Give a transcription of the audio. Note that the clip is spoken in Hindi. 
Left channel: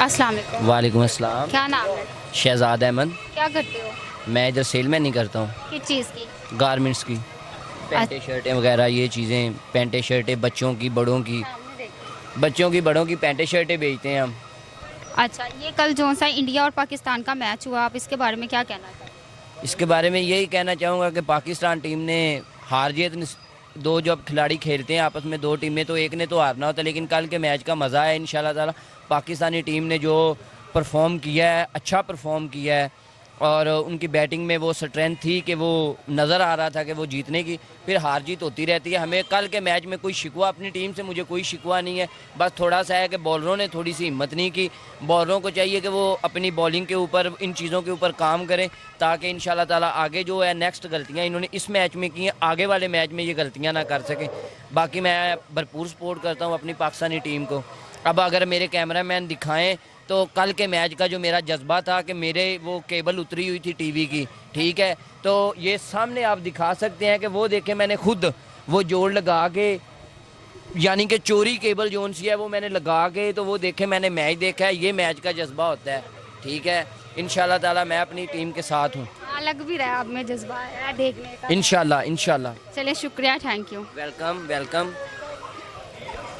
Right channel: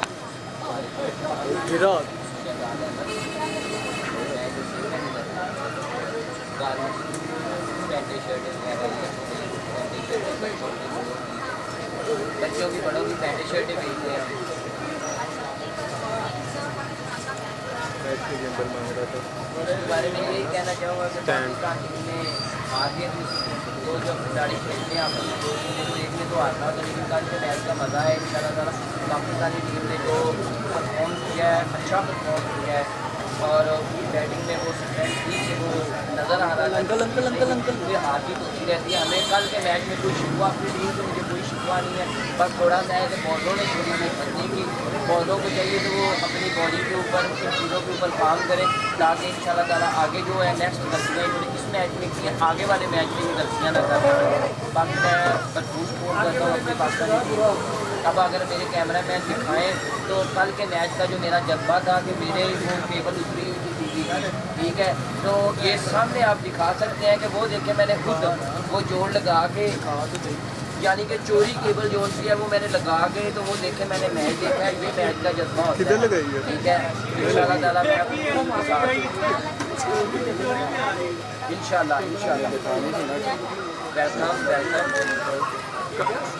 अस्सलाम वालेकुम। वालेकुम अस्सलाम। क्या नाम है? शहजाद अहमद। क्या करते हो? मैं इधर सेल में नहीं करता हूँ, किस चीज़ की? गारमेंट्स की, पेंटें अच्छा। शर्टें वगैरह ये चीज़ें, पेंटें शर्टें बच्चों की बड़ों की पेंटें शर्टें बेचते हैं हम। अच्छा, ये कल जो सा इंडिया और पाकिस्तान का मैच हुआ, आप इसके बारे में क्या कहना चाहते इसके बारे में यही कहना चाहूँगा कि पाकिस्तान टीम ने हार जीत दो जब खिलाड़ी खेलते हैं आपस में, दो टीमें, तो एक ने तो हारना होता है, लेकिन कल के मैच का मज़ा है इंशाल्लाह ताला। पाकिस्तानी टीम ने जो परफॉर्म किया है, अच्छा परफॉर्म किया है, और उनकी बैटिंग में वो स्ट्रेंथ थी कि वो नज़र आ रहा था कि वो जीतने की, फिर हार जीत होती रहती है। हमें कल के मैच में कोई शिकवा अपनी टीम से मुझे कोई शिकवा नहीं है, बस थोड़ा सा है कि बॉलरों ने थोड़ी सी हिम्मत नहीं की। बॉलरों को चाहिए कि वो अपनी बॉलिंग के ऊपर, इन चीज़ों के ऊपर काम करें, ताकि इंशाल्लाह ताला आगे जो है नेक्स्ट गलतियाँ इन्होंने इस मैच में की हैं, आगे वाले मैच में ये गलतियाँ ना कर सकें। बाकी मैं भरपूर सपोर्ट करता हूँ अपनी पाकिस्तानी टीम को। अब अगर मेरे कैमरामैन दिखाएं तो कल के मैच का जो मेरा जज्बा था कि मेरे वो केबल उतरी हुई थी टीवी की, ठीक है, तो ये सामने आप दिखा सकते हैं कि वो देखें, मैंने खुद वो जोड़ लगा के, यानी कि चोरी केबल जोन सी है वो मैंने लगा के, तो वो देखे मैंने मैच देखा है, ये मैच का जज्बा होता है, ठीक है। इंशाल्लाह ताला मैं अपनी टीम के साथ हूँ, हैं? लग भी रहा है आपने जज्बा है देखने का। इंशाल्लाह इंशाल्लाह। चलिए शुक्रिया, थैंक यू। Welcome welcome.